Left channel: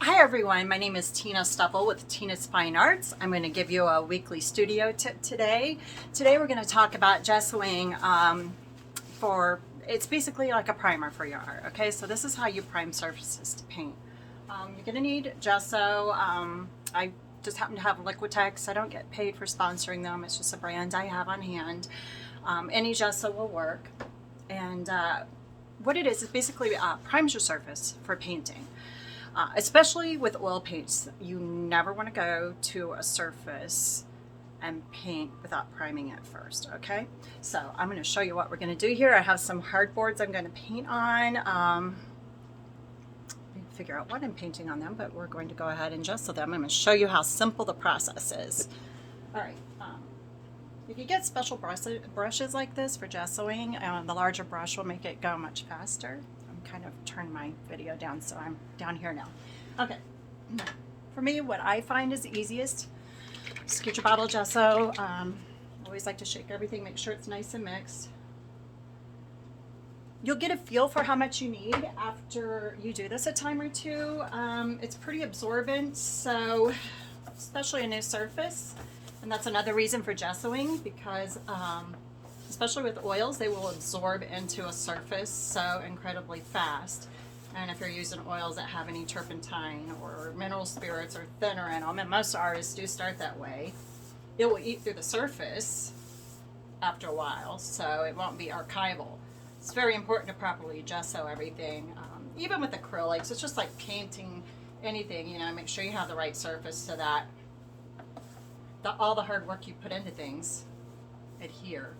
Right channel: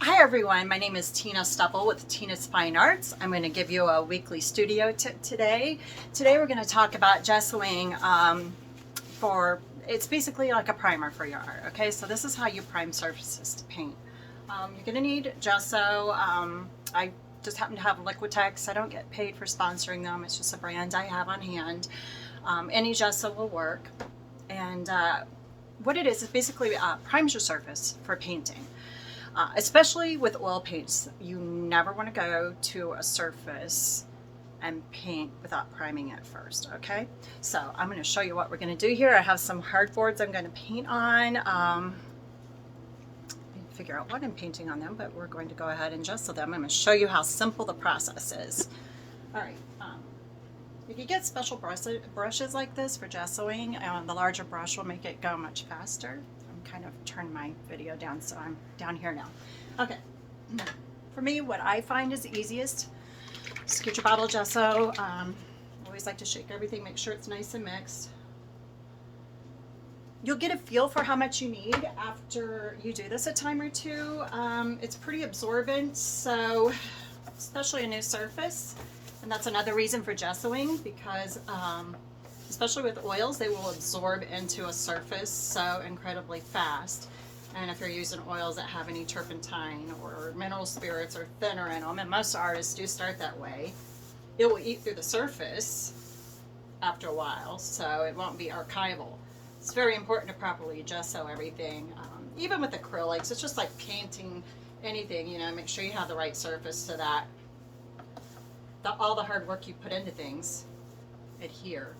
Hi everyone, my name is Tina Stupple with Tina's Fine Arts. I'm going to give you a weekly studio tip today. Today we're going to talk about gessoing it's basically like a primer for your art. Okay, so this is how you prime surfaces to paint. You're going to need gesso. I just happen to have Liquitex. I don't get paid for sponsoring them. It's just a brand I have on hand. Any gesso will work. And what it is basically primes your surface for painting. Especially with oil paints, you never want to go to a surface and paint without priming it first, okay? So I'm going to show you what we're going to do here. I have some hardboards I'm going to paint on. Figure out what I'm painting on them, but we're going to go ahead and gesso them. I'm going to show you how simple the process is. All right. If you get special brushes like this for gessoing, the larger brush will make it go much faster. Kind of turn my video down so I'm down here now. Okay, for me what I find is easiest, just get your bottle of gesso. I always like to shake everything, make sure it's nice and mixed. You'll get a feel for how much you need after you do this a time or two. It's pretty absorbent, so especially a new surface, and that's another reason for gessoing, because especially with oils, they will absorb into a surface so incredibly fast. And if you're using oils that have any turpentine or mineral spirits or thinner in them, and most artists do start that way, it will eat through the surface after a while, so it won't be archival. It's very important to properly gesso everything. Even with acrylics, it's just like painting anything, you know, make sure you have the right surface so that all the hard work you put into things adhere.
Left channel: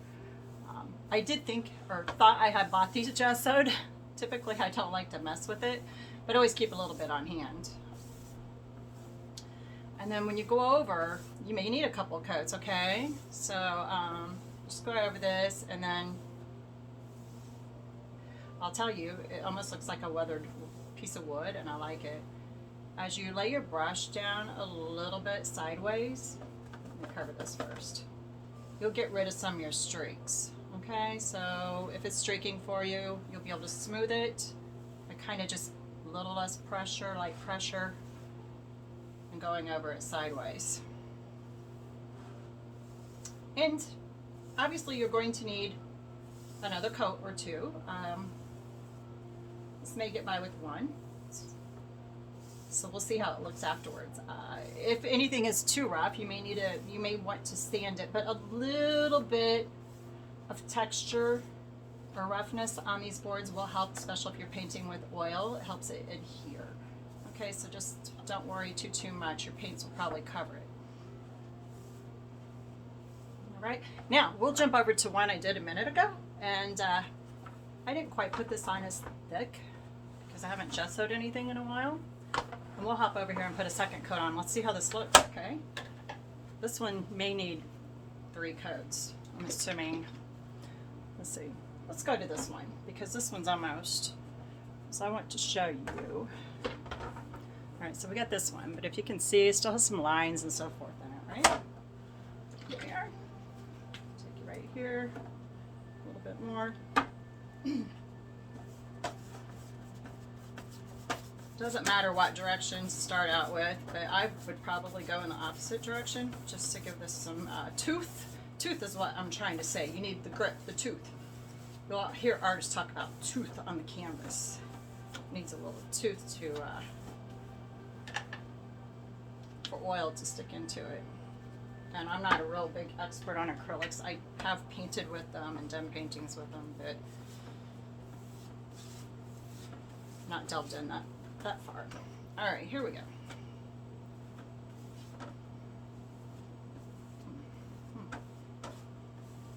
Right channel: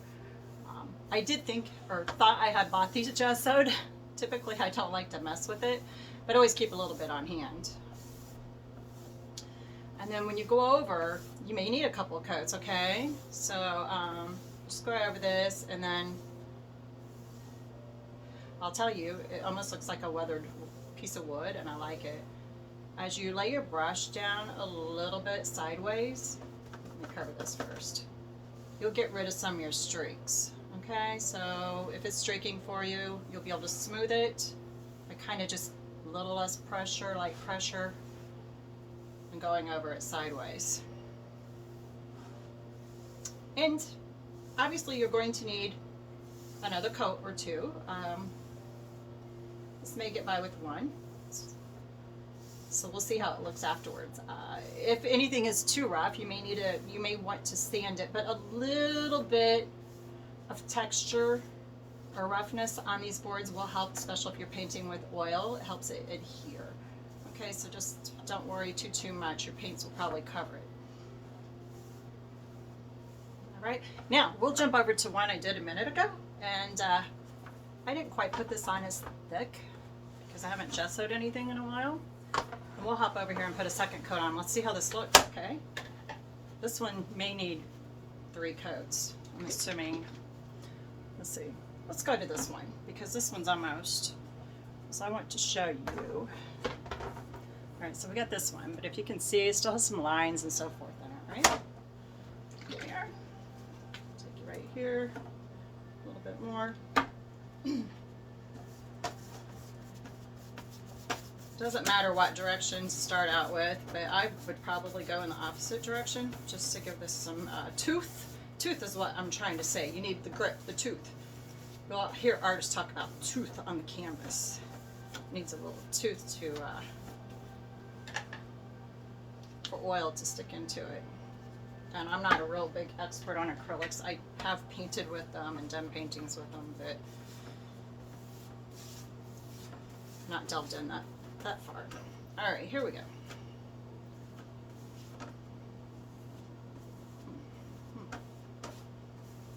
I did think or thought I had bought these gessoed. Typically I don't like to mess with it, but always keep a little bit on hand. And then when you go over, you may need a couple of coats, okay? So just go over this, and then I'll tell you, it almost looks like a weathered piece of wood, and I like it. As you lay your brush down a little bit sideways, let me cover this first, you'll get rid of some of your streaks. Okay, so if it's streaking for you, you'll be able to smooth it. I kind of just a little less pressure, light pressure, and going over it sideways. And obviously you're going to need another coat or two. This may get by with one, so we'll see how it looks afterwards. If anything is too rough, you may want to sand it, but a little bit of texture or roughness on these boards will help, especially if you're painting with oil. It helps it adhere. Okay, so just don't worry too much. Your paints will probably cover it. All right, now we'll jump over to one I did a minute ago, and I didn't quite put this on as thick because I haven't gessoed anything in a while. And we'll hop over here and put a second coat on. Let's see how this looks, okay? This one may need 3 coats, I'm assuming. Let's see. Let's go to this one because this one's almost. So I want to show you. All right, so we got this one, but if you can see, it still has some lines and so forth in it, right? Here we are. Take it right here. A little bit more. Doesn't matter what direction to start out with, but I would probably go in the opposite direction just to give this some tooth. Tooth is what I'm trying to say. You need the grip, the tooth. You'll hear artists talk about tooth on the canvas. It needs a little tooth to for oil to stick into it. And I'm not a real big expert on acrylics. I have painted with them and done paintings with them, but not delved in that far. All right, here we go.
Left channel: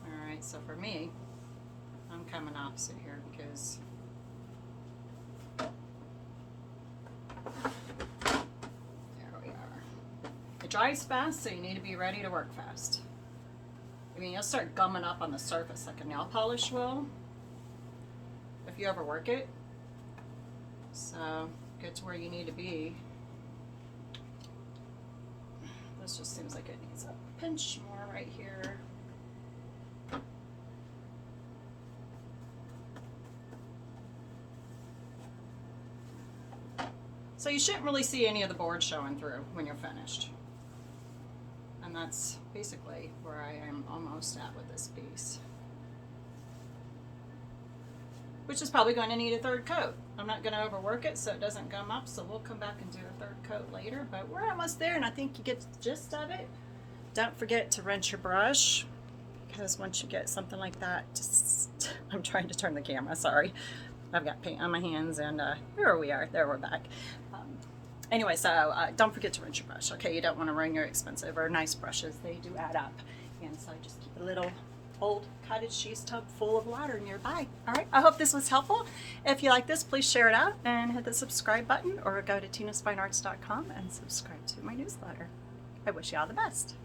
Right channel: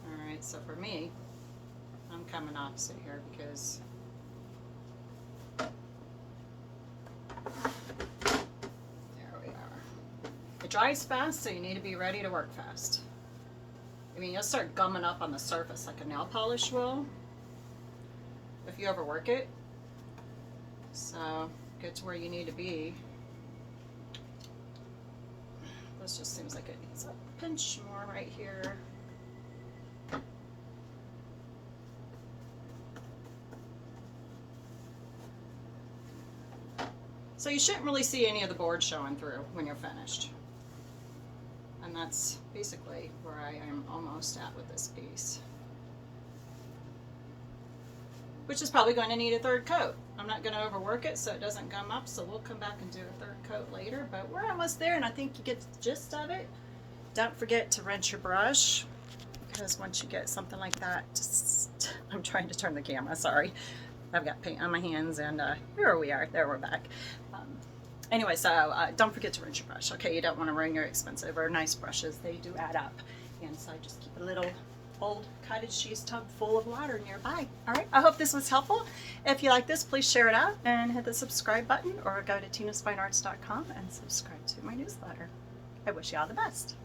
All right, so for me, I'm coming opposite here because there we are. It dries fast, so you need to be ready to work fast. I mean, you'll start gumming up on the surface like a nail polish will if you overwork it. So get to where you need to be. This just seems like it needs a pinch more right here. So you shouldn't really see any of the board showing through when you're finished. And that's basically where I am almost at with this piece. Which is probably going to need a third coat. I'm not going to overwork it so it doesn't gum up, so we'll come back and do a third coat later. But we're almost there, and I think you get the gist of it. Don't forget to rinse your brush, because once you get something like that, just, I'm trying to turn the camera, sorry. I've got paint on my hands, and here we are. There, we're back. Anyway, so don't forget to rinse your brush, okay? You don't want to ruin your expensive or nice brushes. They do add up. And so just keep a little old cottage cheese tub full of water nearby. All right, I hope this was helpful. If you like this, please share it out and hit the subscribe button, or go to tinasfinearts.com and subscribe to my newsletter. I wish you all the best.